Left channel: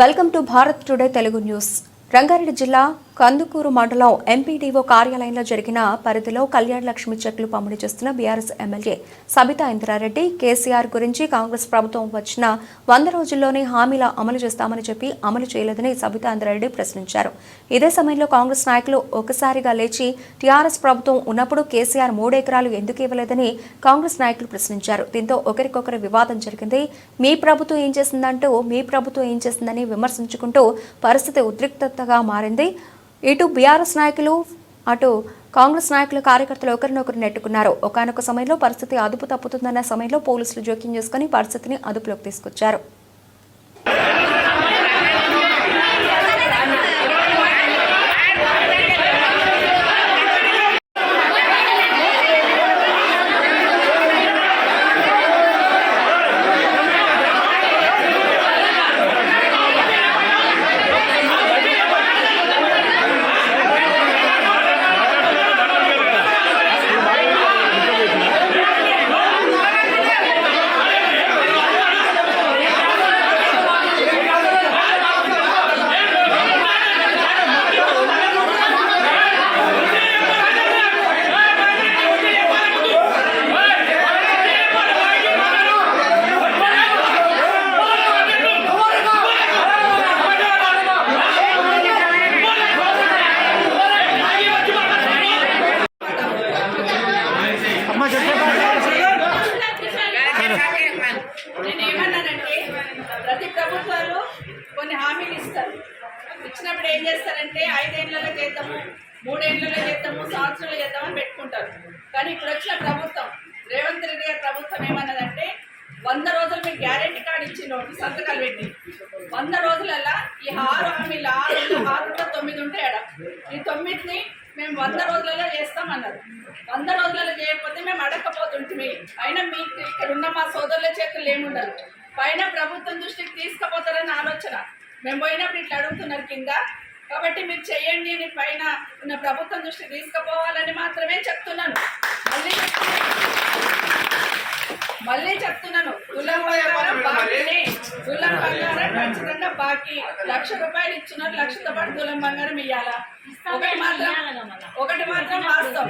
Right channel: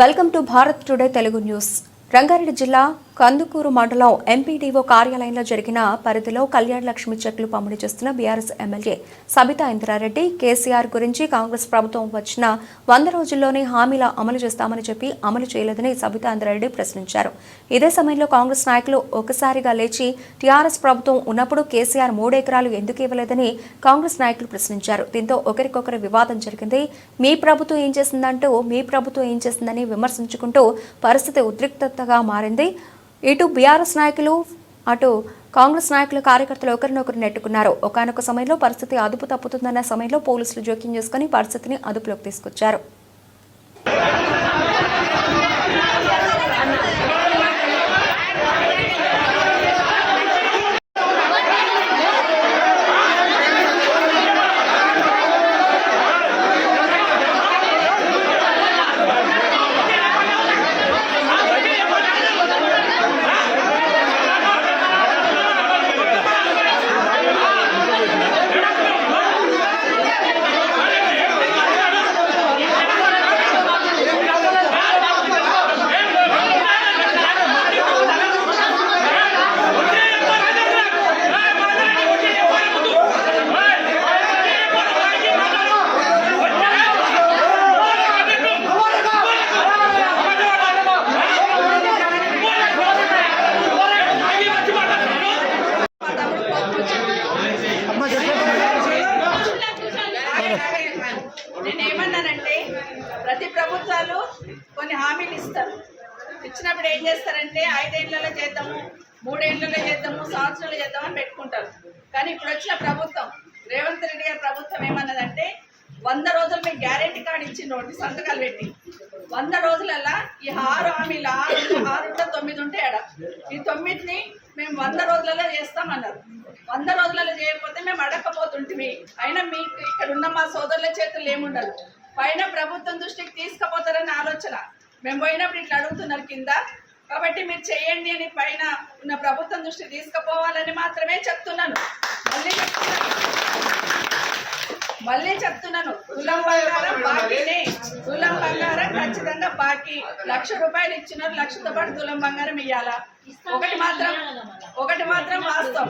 Welcome to Bharat today Telugu news. Rangareddy జిల్లా కందుకూరు మండలం MPDO కార్యాలయంలో జరిగిన పరిధిలో కళ్యాణ లక్ష్మి చెక్లు పంపిణీ చేస్తున్న BRS MLA Sabitha Indra Reddy. KCR గురించి కాంగ్రెస్ ప్రభుత్వం వచ్చిన వంద రోజుల్లోనే హామీల అమలు చేస్తామని చెప్పి అమలు చేయలేదని సబితా ఇంద్రారెడ్డి ప్రశ్నించారు. ఇదే సమయంలో కాంగ్రెస్ నాయకులు ఒకసారిగా లేచి టీఆర్ఎస్ ప్రభుత్వం ఉన్నప్పుడు కేసీఆర్ మూడెకరాలు ఎందుకు ఇవ్వలేదని కాంగ్రెస్ నాయకులు ప్రశ్నించారు. దీంతో ఒకరికొకరు వివాదం జరిగింది. మీ ప్రభుత్వం ఏం చేసిందంటూ మీ ప్రభుత్వం ఏం చేసిందని విమర్శించుకుంటూ పరిస్థితి ఉద్రిక్తతగా మారింది. ఇటు బీఆర్ఎస్ నాయకులు అటు కాంగ్రెస్ నాయకులు కార్యకర్తలు ఒకరినొకరు నెట్టుకున్నారు. ఒకనొక సమయంలో పరిస్థితి అదుపు తప్పుతుందన్న సమయంలో పోలీసులు జోక్యం చేసుకుని పరిస్థితిని అదుపులోకి తీసుకొచ్చారు. నేను ఏమన్నానంటే ప్రతి ప్రభుత్వాలు కొన్ని హామీలు ఇస్తారు. ఇచ్చినప్పుడు ఏం చేస్తారంటే ఐదేళ్ళలో చేద్దాము మూడేళ్ళలో చేద్దాము సంవత్సరాలు చేద్దామని పెట్టుకుంటారు. కానీ ఇప్పుడు వచ్చిన ప్రభుత్వం రేవంత్ రెడ్డి గారి ప్రభుత్వం ఏమన్నదంటే వంద రోజులు మీకు గ్యారెంటీ కార్డు ఇచ్చిండు సంతకాలు పెట్టి వంద రోజులల్లా ఈ ఆరు హామీలు ఆరు ఆరులో తొమ్మిది ఉంటే ఎడ ఈ తొమ్మిదిని మేము వంద రోజులలో చేస్తామన్నారు. వంద రోజులలో చేయకపోతే మేము అడగకపోతుంటిమి అయినా మీకు ఇక్కడ ఉన్న మా సోదరుల చేతులు ఏముండదు. పైన ప్రభుత్వం దృష్టికి తీసుకుపోతారని ఆలోచన. మేము పోయినప్పుడు ఇట్లా అడుగుతున్నారు కింద. కాబట్టి మీరు చేయండి అని పైన ఉన్న ప్రభుత్వం దృష్టికి తీసుకుపోవాలని మాత్రమే చెప్తున్నాను. మళ్ళీ మళ్ళీ చెప్తున్నాను. తులం బంగారం బాకీనే తులం ఖచ్చితంగా బాకీ లక్ష రూపాయలు ఇచ్చినారు లక్షతో పాటు తులం బంగారం ఇవ్వాలా ఒకటి మాత్రం ఒకటి మాత్రం వాస్తవం.